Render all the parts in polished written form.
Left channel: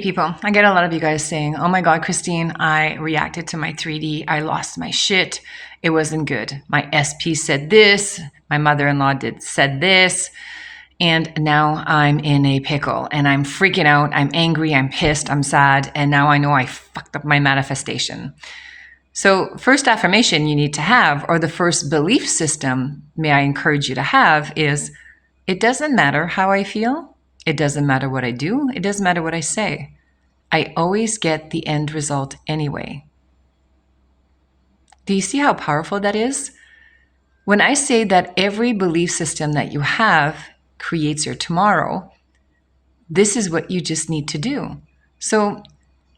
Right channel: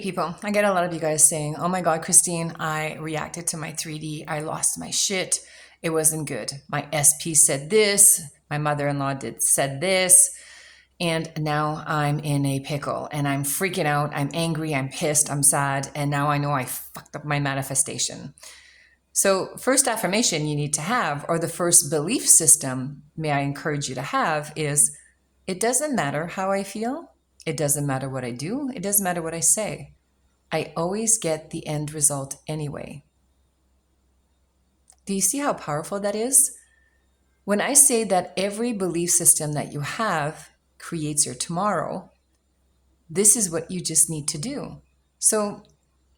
People, I get a lot of you guys saying, oh my God, Christine, I reacted to my 3D. I lost my shit. It wasn't good. My SP said this. My mother-in-law said this. And now I'm in a pickle and I'm freaking out. I'm angry. I'm pissed. I'm sad. And now I know I fucked up my manifestation. So first affirmation you need to have, or the first belief system, may I encourage you to have, is it doesn't matter how I feel. It doesn't matter what I do. It doesn't matter what I say. I always get the end result anyway. Do you see how powerful that is? When I say that every belief system that you have creates your tomorrow, this is what you just need to do. So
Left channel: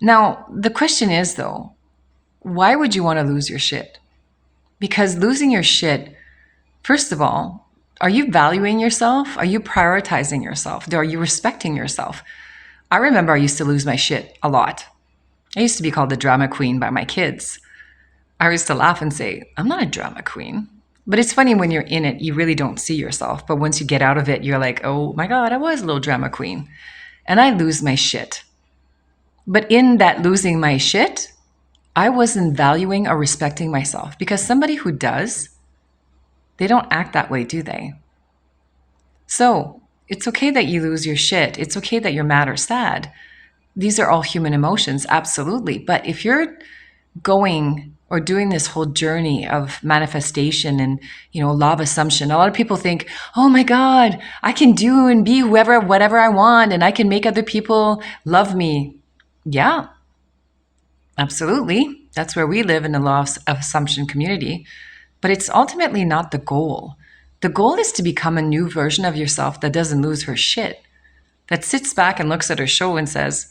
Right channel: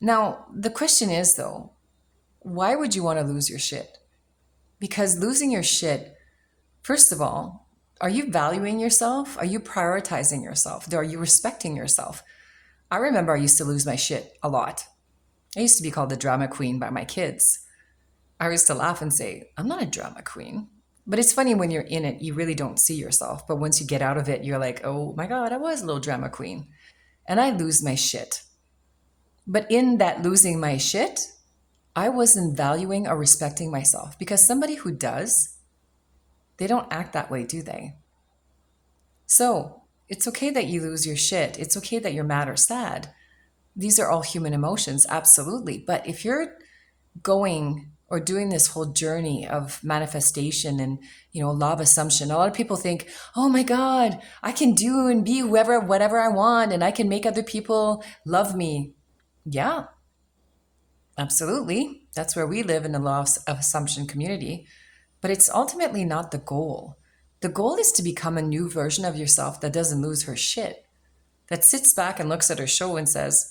now the question is though, why would you want to lose your shit? Because losing your shit, first of all, are you valuing yourself? Are you prioritizing yourself? Are you respecting yourself? I remember I used to lose my shit a lot. I used to be called the drama queen by my kids. I used to laugh and say, I'm not a drama queen. But it's funny when you're in it, you really don't see yourself. But once you get out of it, you're like, oh my God, I was a little drama queen. And I lose my shit. But in that losing my shit, I wasn't valuing or respecting myself, because somebody who does, they don't act that way, do they? So it's okay that you lose your shit. It's okay that you're mad or sad. These are all human emotions, absolutely. But if you're going or doing this whole journey of manifestation and, law of assumption, a lot of people think, oh my God, I can do and be whatever I want, and I can make other people love me. Yeah, absolutely. That's where we live, in the law of assumption community. But it's ultimately not the goal. The goal is to become a new version of yourself that doesn't lose her shit, that sits back and looks at her show and says,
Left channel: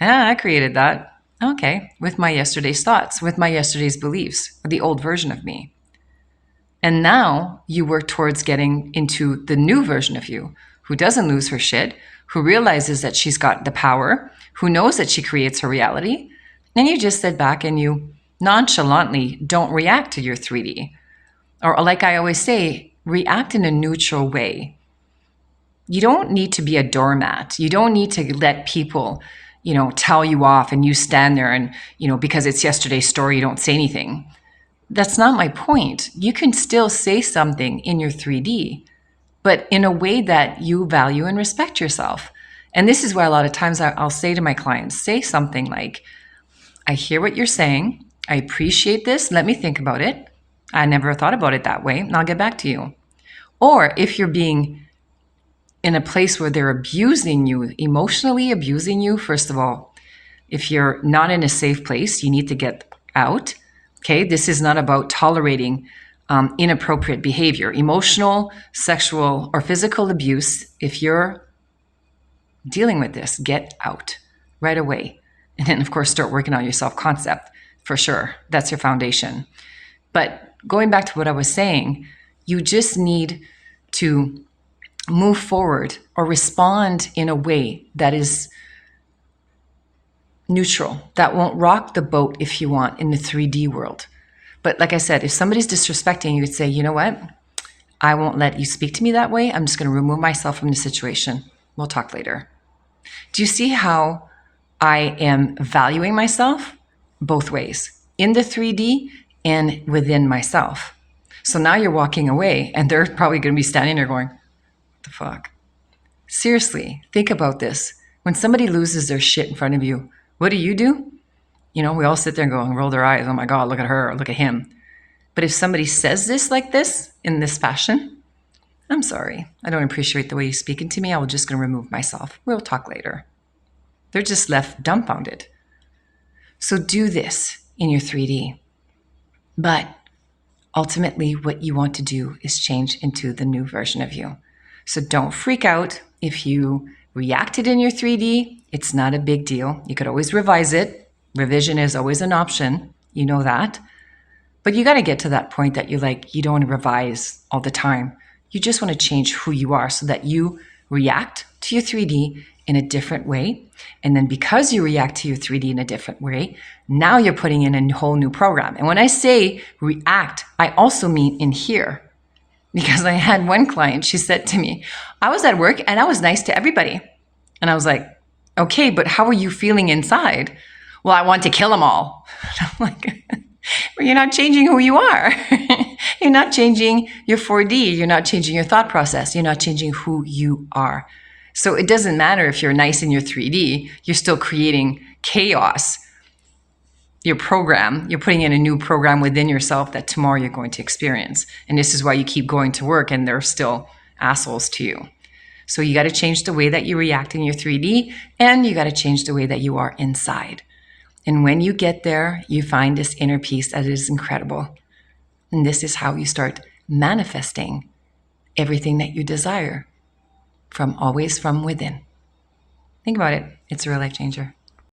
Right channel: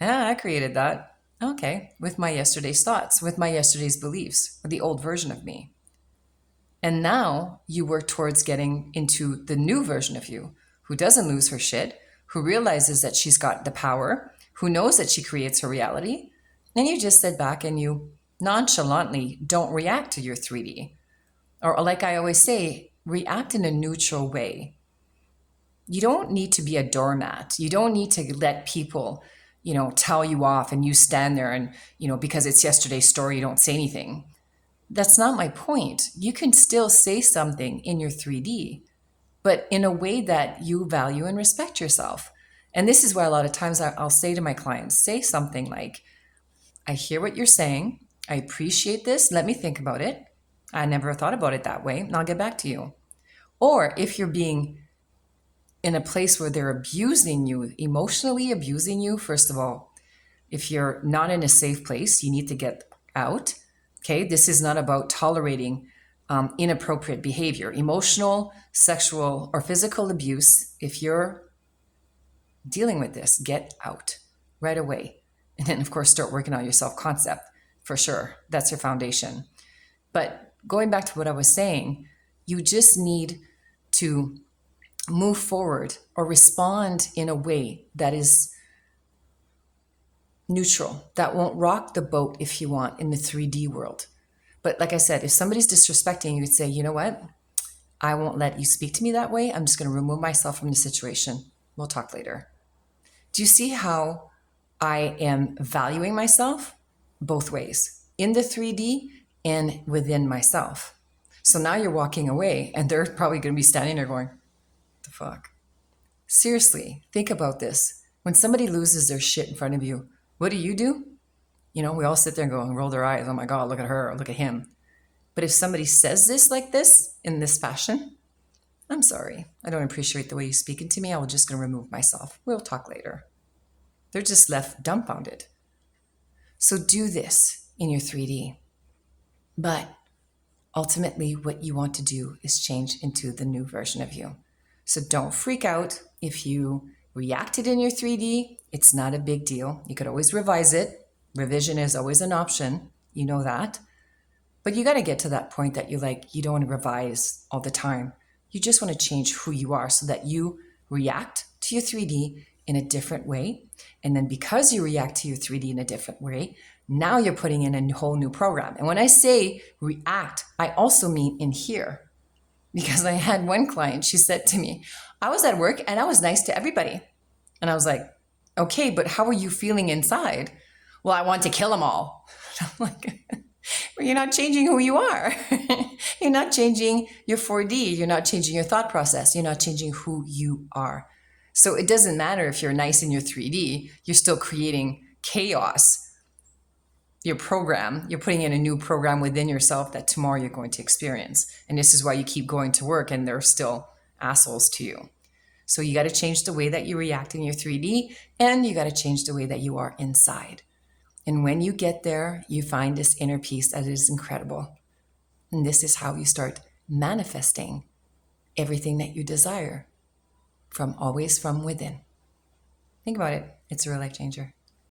I created that. Okay, with my yesterday's thoughts, with my yesterday's beliefs, the old version of me. And now you work towards getting into the new version of you, who doesn't lose her shit, who realizes that she's got the power, who knows that she creates her reality. And you just sit back and you nonchalantly don't react to your 3D. Or like I always say, react in a neutral way. You don't need to be a doormat. You don't need to let people tell you off and you stand there and, because it's yesterday's story, you don't say anything. That's not my point. You can still say something in your 3D, but in a way that you value and respect yourself. And this is why a lot of times I'll say to my clients, say something like, I hear what you're saying. I appreciate this. Let me think about it. I never thought about it that way, and I'll get back to you. Or if you're being in a place where they're abusing you, emotionally abusing you, first of all, if you're not in a safe place, you need to get out. Okay, this is not about tolerating inappropriate behavior, emotional, sexual, or physical abuse. If you're dealing with this, get out right away. And then, of course, start working on your self-concept, for sure. That's your foundation. But going back to what I was saying, you just need to move forward or respond in a way that is neutral, that won't rock the boat, if you want, in the 3D world. But like I said, if somebody's disrespecting you, you'd say, you know what? I won't let you speak to me that way. I'm just going to remove myself from the situation. We'll talk later. Do you see how I am valuing myself both ways, in the 3D and within myself? So now you're walking away and they're probably going to be standing there going, what the fuck? Seriously, think about this. When somebody loses their shit in front of you, what do? We all sit there and go and roll their eyes. Oh my God, look at her, look at him. But if somebody says this like this, in this fashion, I'm sorry. I don't appreciate the way you're speaking to me. I'm just going to remove myself. We'll talk later. They're just left dumbfounded. So do this in your 3D. But ultimately, what you want to do is change into the new version of you. So don't freak out if you reacted in your 3D. It's not a big deal. You could always revise it. Revision is always an option. You know that. But you got to get to that point that you don't want to revise all the time. You just want to change who you are so that you react to your 3D in a different way. And then because you react to your 3D in a different way, now you're putting in a whole new program. And when I say react, I also mean in here. Because I had one client, she said to me, I was at work and I was nice to everybody. And I was like, Okay, but how are you feeling inside? Well, I want to kill them all. I'm like, well, you're not changing who you are. You're not changing your 4D. You're not changing your thought process. You're not changing who you are. So it doesn't matter if you're nice in your 3D, you're still creating chaos. Your program, you're putting in a new program within yourself that tomorrow you're going to experience. And this is why you keep going to work and they're still assholes to you. So you got to change the way that you react in your 3D, and you got to change the way that you are inside. And when you get there, you find this inner peace that is incredible. And this is how you start manifesting everything that you desire always from within. Think about it. It's a real life changer.